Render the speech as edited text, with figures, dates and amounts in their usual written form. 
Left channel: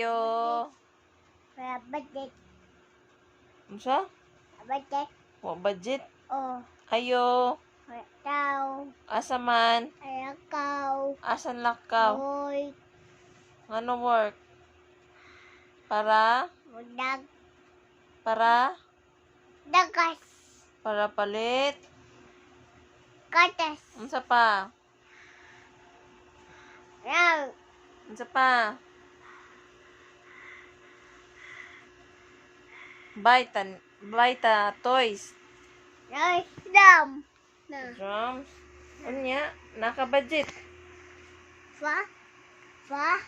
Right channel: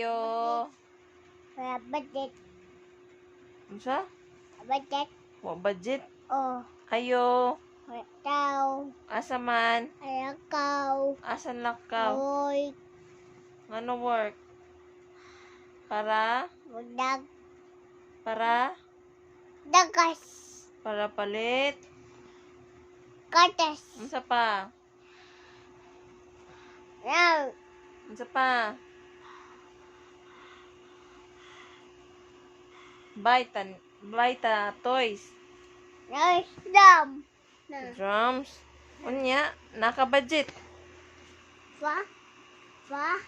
Ayo. Budget. Unsa? Budget. Wa budget. Oh. Ayo. Tao. Asa man? Alakaw. Asan lakaw? Oy. Ngano work? Para? Budag. Para? Dagas. Para palit? Katas. Unsa pa? Yan. Unsa pa? Baita toys. Nice dam. Na. Drums. Unya, naka-budget. Maha.